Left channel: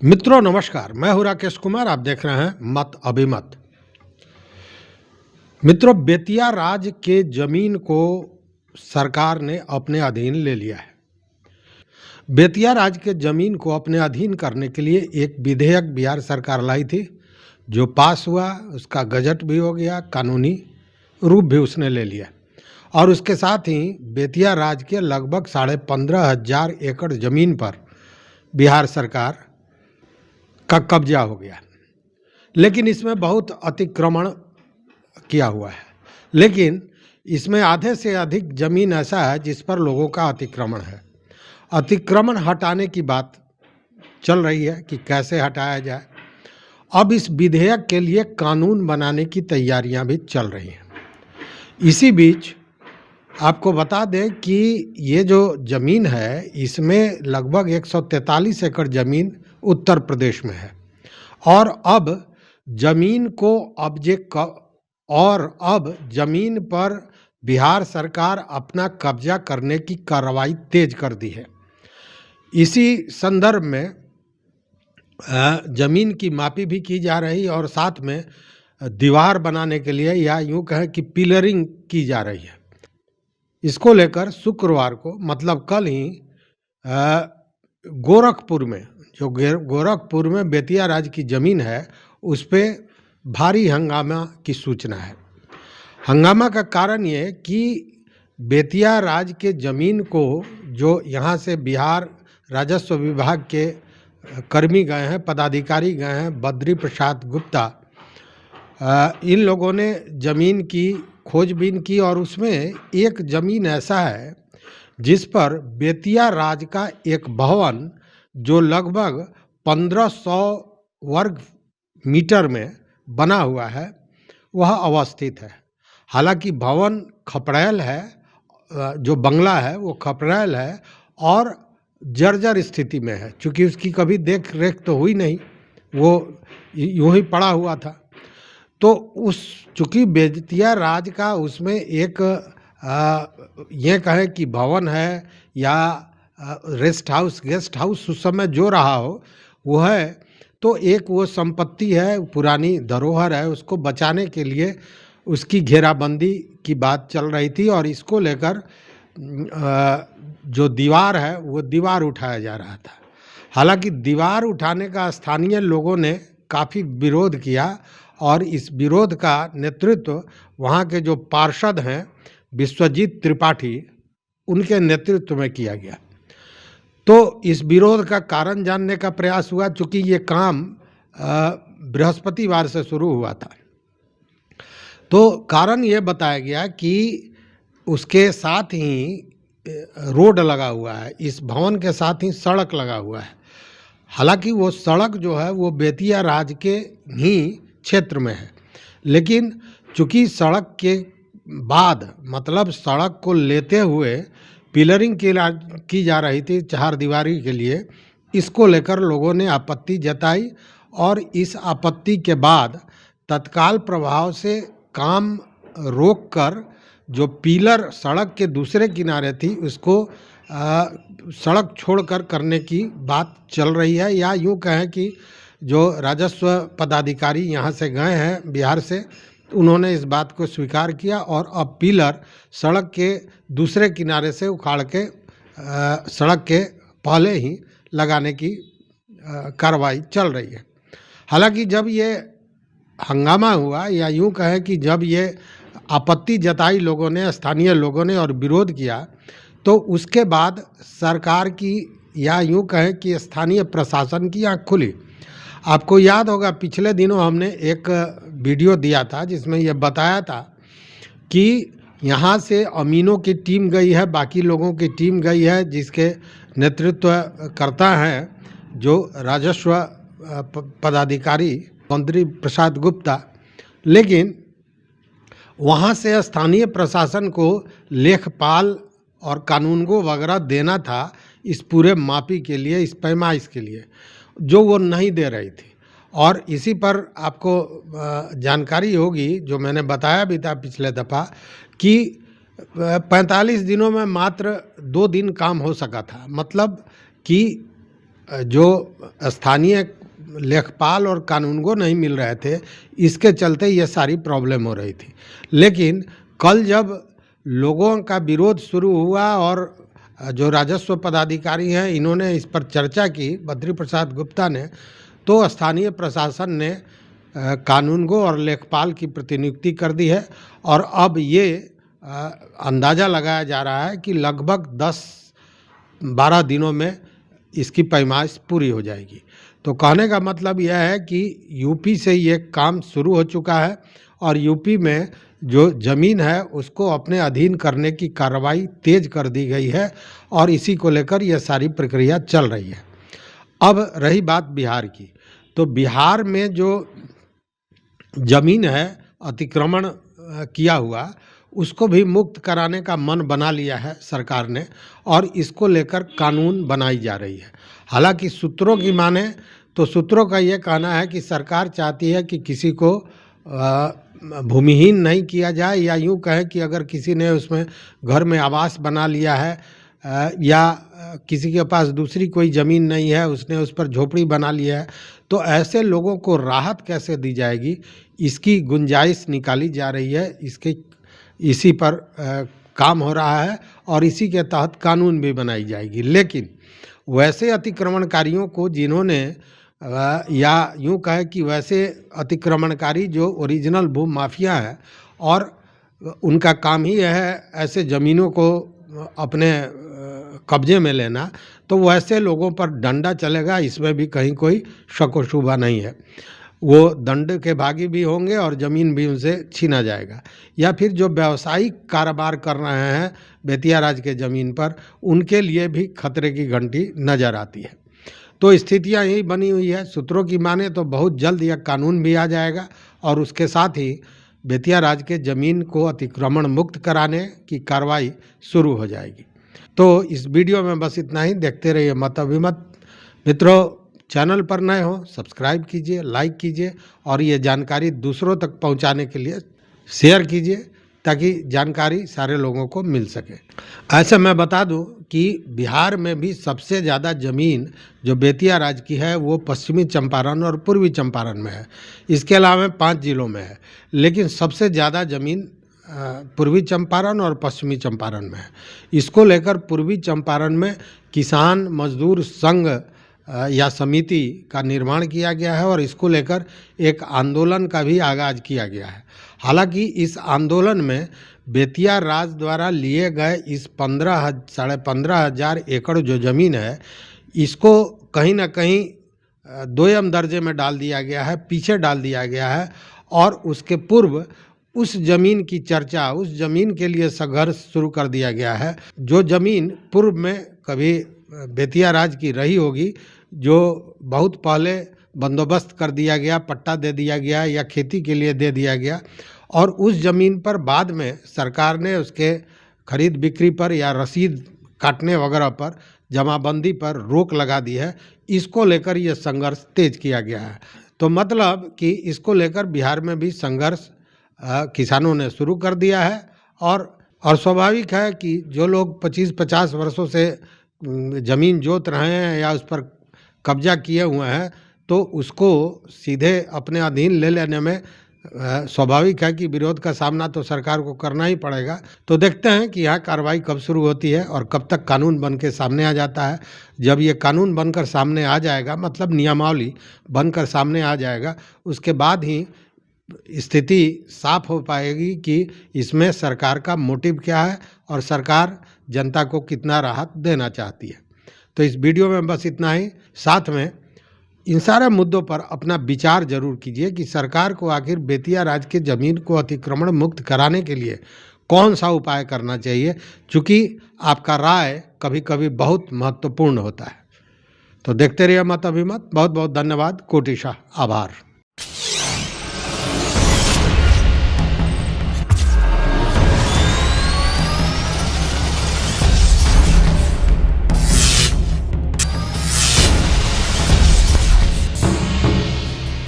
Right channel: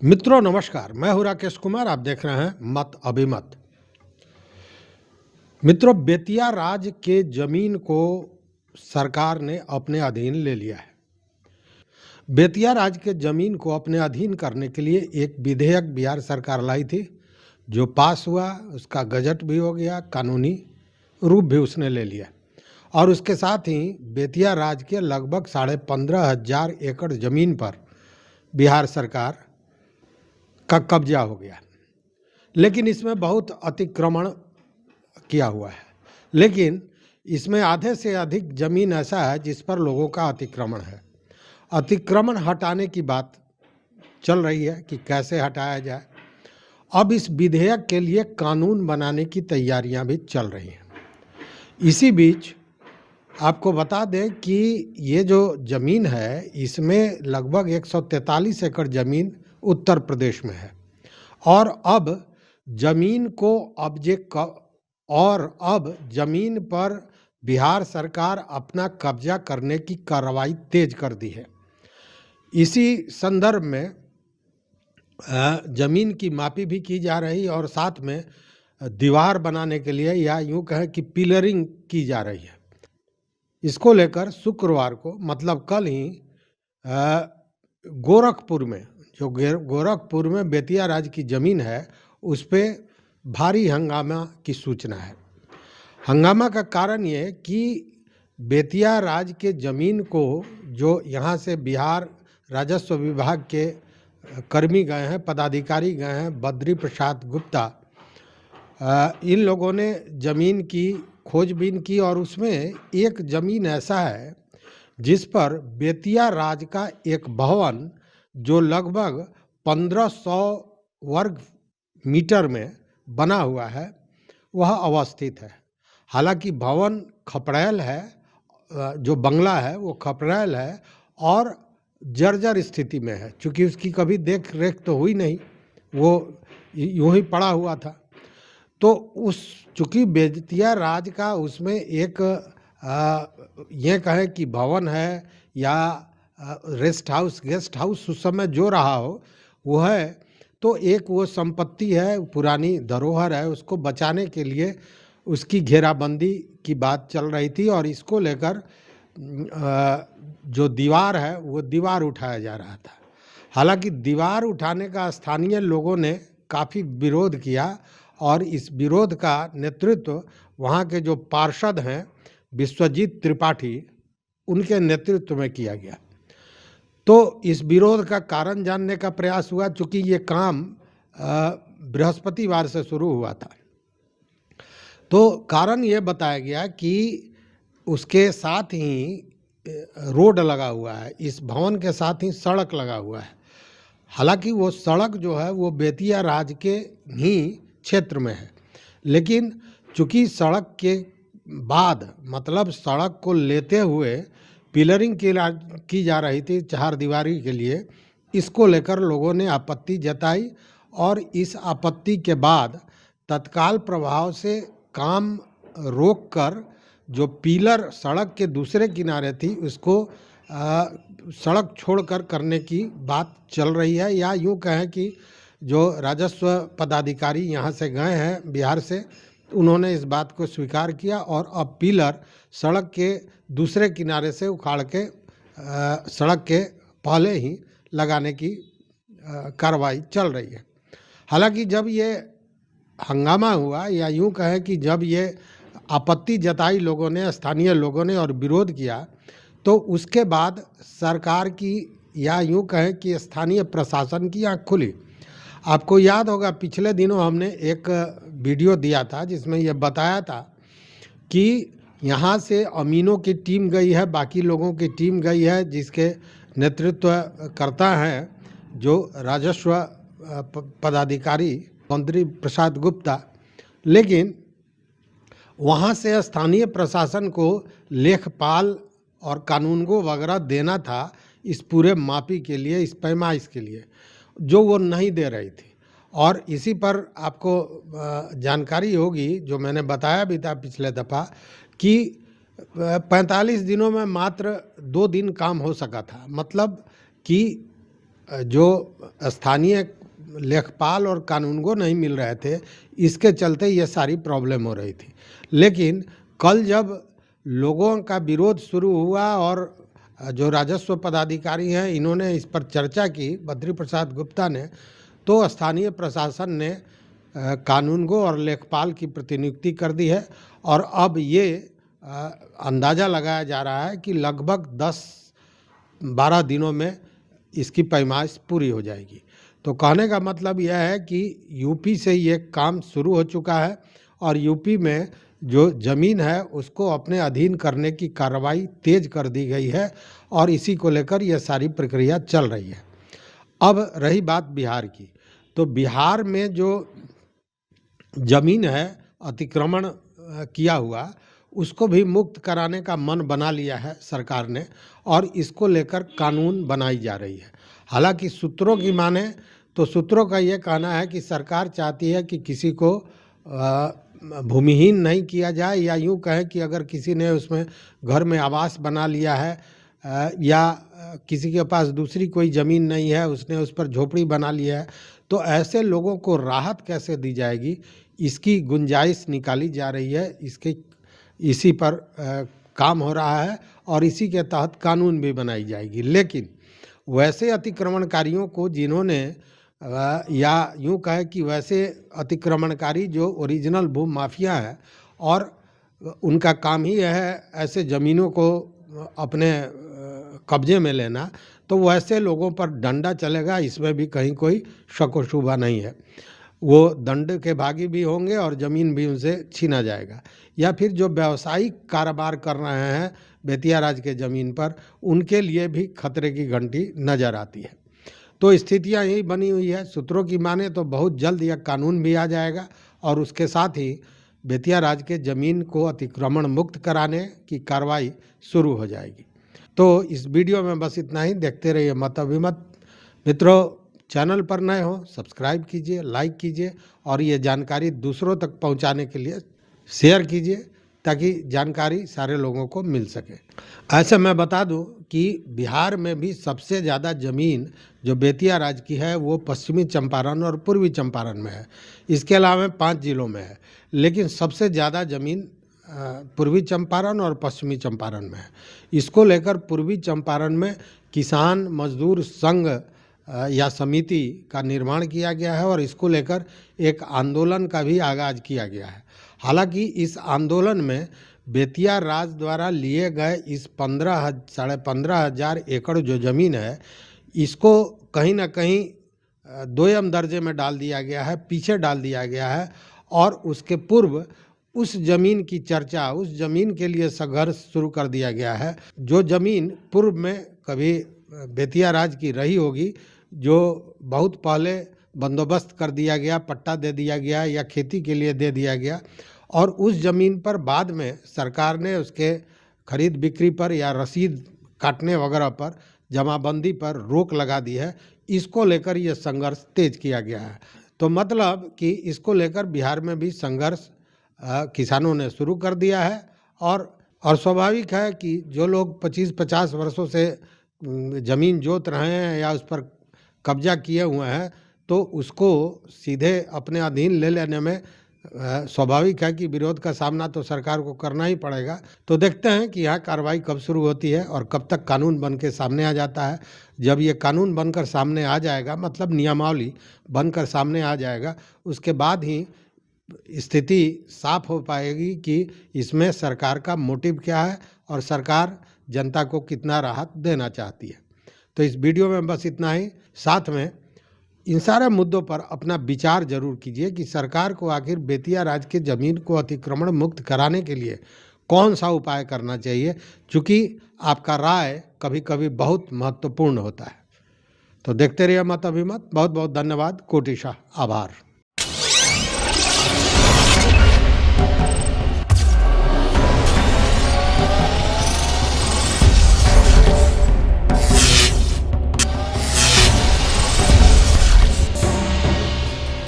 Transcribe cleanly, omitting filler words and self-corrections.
मित्रों नमस्कार, मैं हूं राकेश कुमार। आप देख रहे हैं मत अभिमत। मित्रों, बेतिया राज के जमीन को सरकार ने अपने अधीन ले लिया है। बेतिया राज के जमीन को अपने अधीन करने के लिए एक विधेयक बिहार सरकार लाई थी, जो पास हुआ। उसका गजट भी हो गया, कानूनी रूप भी उसने ले लिया और उसके साथ ही बेतिया राज के लगभग 15,500 एकड़ जमीन पर बिहार सरकार का कब्जा हो गया। लेकिन इसमें बहुत अतिक्रमण किया हुआ है। लेकिन इसमें आधे से अधिक जमीन ऐसा है जिस पर लोगों का अतिक्रमण है। अतिक्रमण हटाने की बात चल रही है कि कैसे हटाया जाए। अब इस विधेयक के लिए कानून बनाने की तैयारियां भी चल रही हैं। इसी बीच आपको बता दें कि ये जो ज़मीन है, इसमें लगभग 143 एकड़ ज़मीन उत्तर प्रदेश में है और अब ज़मीन पर बिहार सरकार अपना कब्जा करने की कार्रवाई तेज कर दी है। इसी संदर्भ में ज़मीन की मापी भी की जा रही और साथ में दीवार बनाने के लिए, या यूँ कहें कि पिलरिंग की जा रही है। इसको लेकर शुक्रवार को, मतलब कल ही, गोरखपुर में बेतिया राज की ज़मीन है, उस पर भारी हंगामा की सूचना है। हंगामा का कारण ये कि बेतिया राज के ज़मीन को जो यहाँ से बिहार राजस्व विभाग के कर्मी गए हैं, पदाधिकारी गए हैं, बद्री प्रसाद गुप्ता, इन लोगों ने ज़मीन की खोजबीन की और उसमें एक ज़मीन ऐसा है जिस पर बेतिया राज का एक भवन, जो लगभग 1500 वर्ग मीटर में बना हुआ है, वह अवस्थित है। हालांकि भवन खपड़ैल है, जो बंगला है वो खपड़ैल है और जर्जर स्थिति में है, क्योंकि उसकी कभी देख रेख तो हुई नहीं, वो यूं ही पड़ा हुआ था। तो चूँकि बेतिया राज का उसमें एक ये कहें कि भवन है या गेस्ट हाउस उस समय जो रहा हो वो है, तो एक वो संपत्ति है, पुरानी धरोहर है, उसको बचाने के लिए उसकी घेराबंदी की बात चल रही थी और इसको लेकर जो दीवार है वो दीवार उठाया जा रहा था। हालांकि दीवार उठाने का स्थानीय लोगों ने काफ़ी विरोध किया और इस विरोध का नेतृत्व वहाँ के जो पार्षद हैं विश्वजीत त्रिपाठी, उनके नेतृत्व में किया गया। तो इस विरोध का कारण जानने का प्रयास हुआ, चूँकि ये काम बृहस्पतिवार से शुरू हुआ था। तो कारण ये बताया गया कि उसके साथ ही रोड लगा हुआ है, इस भवन के साथ ही सड़क लगा हुआ है। हालांकि वो सड़क जो है वो बेतिया राज के ही क्षेत्र में है, लेकिन चूँकि सड़क के बाद, मतलब सड़क को लेते हुए पिलरिंग की जा रही थी चारदीवारी के लिए, इसको लेकर लोगों ने आपत्ति जताई और इस आपत्ति के बाद तत्काल प्रभाव से काम रोककर जो पिलर सड़क के दूसरे किनारे थी उसको सड़क छोड़कर करने की बात चल रही है। या यूँ कहें कि जो राजस्व पदाधिकारी यहाँ से गए हैं बिहार से, उन्होंने इस बात को स्वीकार किया और अब पिलर सड़क के दूसरे किनारे से उखाड़ के सड़क के पहले ही लगाने की कार्रवाई चल रही है। हालांकि जब ये हंगामा हुआ, या यूँ कहें कि जब ये आपत्ति जताई लोगों ने, स्थानीय लोगों ने, और विरोध किया, तो उसके बाद सरकार की, या यूँ कहें कि स्थानीय प्रशासन की आँख खुली। आपको याद होगा पिछले दिनों हमने एक वीडियो दिया था जिसमें यह बताया था कि यहाँ से अमीनों की टीम गई है, बाकी लोगों की टीम गई है, जिसके नेतृत्व करता है जो राजस्व पदाधिकारी बद्री प्रसाद गुप्ता। लेकिन वहाँ से स्थानीय प्रशासन को लेखपाल और कानूनगो वगैरह देना था इस पूरे मापी के लिए, इस पैमाइश के लिए, जो वो नहीं दे रही थी। और इसी पर आपको जानकारी होगी, जो मैंने बताया भी था पिछले दफ़ा, कि 45 दिनों में मात्र 2 दिन काम हो सका था। मतलब कि जो स्थानीय लेखपाल और कानूनगो नहीं मिल रहे थे, इसके चलते ये सारी प्रॉब्लम हो रही थी। लेकिन कल जब लोगों का विरोध शुरू हुआ और जो राजस्व पदाधिकारी हैं इन्होंने इस पर चर्चा की, बद्री प्रसाद गुप्ता ने, तो स्थानीय प्रशासन ने कानूनगो और लेखपाल की प्रतिनियुक्ति कर दी है और अब ये अंदाज़ा लगाया जा रहा है कि लगभग 10-12 दिनों में इसकी पैमाइश पूरी हो जाएगी। तो कहने का मतलब यह है कि यूपी से ये काम शुरू हो चुका है और यूपी में जो ज़मीन है उसको अपने अधीन करने की कार्रवाई तेज कर दी गई है और इसी को लेकर यह सारी प्रक्रिया चल रही है। अब रही बात बिहार की, तो बिहार में जो ज़मीन है अतिक्रमण किया हुआ, उसको भी मुक्त कराने का मन बना लिया है सरकार ने और इसको लेकर कानून बनाई जा रही है। हालांकि सूत्रों की माने तो सूत्रों का ये कहना है कि सरकार चाहती है कि किसी को भूमिहीन नहीं किया जाए, या यूँ कहें कि अगर किसी ने उसमें घर में आवास बना लिया है या किसी के पास दूसरी कोई ज़मीन नहीं है, उसने उस पर झोपड़ी बना लिया है, तो ऐसे लोगों को राहत कैसे दी जाएगी, इसकी गुंजाइश निकाली जा रही है। इसी पर काम हो रहा है और इसी के तहत कानून भी बनाई जाएगी। लेकिन वैसे अतिक्रमणकारियों को जिन्होंने या यूँ कहे कि वैसे अतिक्रमणकारी जो ओरिजिनल भू माफिया है और उनका काम ही है ऐसे ज़मीनों को अपने कब्जे में लेना, तो वैसे लोगों पर डंडा चलेगा, इसमें भी कहीं कोई शक व शुबा नहीं है। वो दंड के भागी भी होंगे और ज़मीन भी उनसे छीना जाएगा। या फिर जो व्यावसायिक कारोबार कर रहे हैं बेतिया राज के ज़मीन पर, उनके लिए भी खतरे की घंटी नज़र आती है। तो स्थितियां यही बनी हुई है। सूत्रों की माने तो बहुत जल्द यह कानून भी आ जाएगा और उसके साथ ही बेतिया राज के ज़मीन को अतिक्रमण मुक्त कराने की कार्रवाई शुरू हो जाएगी। तो इस वीडियो में बस इतना ही। देखते रहिए मत अभिमत। मित्रों, चैनल पर नए हो सब्सक्राइब कीजिए, लाइक कीजिए और ये जानकारी दूसरों तक पहुंचाने के लिए शेयर कीजिए ताकि जानकारी सारे लोगों को मिल सके। ऐसे मैं बता दूं कि बिहार में भी सबसे ज़्यादा ज़मीन जो बेतिया राज की है वो पश्चिमी चंपारण और पूर्वी चंपारण में है। इसके अलावा 5 जिलों में है, लेकिन सबसे ज़्यादा ज़मीन पूर्वी चंपारण और पश्चिमी चंपारण में है। इसको लेकर पूर्वी चंपारण में किसान मजदूर संघ या समिति का निर्माण किया गया है और इसको लेकर एक आंदोलन का भी आगाज किया गया है। हालांकि इस आंदोलन में बेतिया राज द्वारा लिए गए इस 15,500 एकड़ जो ज़मीन है, इसको कहीं ना कहीं दोयम दर्जे में डाल दिया गया है, पीछे डाल दिया गया है और उसके पूर्व उस ज़मीन की चर्चा, उस ज़मीन के लिए संघर्ष शुरू कर दिया गया है जो ज़मीन पूर्व में कभी बेतिया राज की रही होगी, जो बहुत पहले बंदोबस्त कर दिया गया, पट्टा दे दिया गया या खेती के लिए दे दिया गया और उस ज़मीन पर बाद में सरकार ने उसके खरीद बिक्री पर या रसीद काटने वगैरह पर, जमाबंदी पर रोक लगा दी है। इसको लेकर यह संघर्ष तेज किया गया है। तो मतलब कि इसको लेकर बिहार में भी संघर्ष किसानों ने शुरू कर दिया है और स्वाभाविक है कि जो लोग 25-50 वर्षों से ज़मीन जोत रहे हैं या उस पर कब्जा किए हुए हैं, तो उसको सीधे अपने अधीन ले लेने में स्वाभाविक है कि विरोध का सामना तो सरकार को करना ही पड़ेगा। तो देखते हैं कि यहाँ कार्रवाई कब शुरू होती है और कब तक कानून बन के सामने आ जाता है। जब ये कानून बनकर सामने आ जाएगा, मतलब नियमावली बनकर सामने आ जाएगा, उसके बाद ही स्थिति साफ हो पाएगी कि इसमें सरकार का मोटिव क्या है और सरकार जनता को कितना राहत देना चाहती है। तो इस वीडियो में बस इतना ही। साथ में इन सारे मुद्दों पर अपना विचार जरूर कीजिए कि सरकार को आखिर बेतिया राज की ज़मीन को अतिक्रमण मुक्त कराने के लिए कौन सा उपाय करना चाहिए, क्योंकि आपका राय कभी कभी बहुत महत्वपूर्ण होता है। तो देखते रहिए मत अभिमत। बहुत बहुत धन्यवाद। कोटिशाह आभार।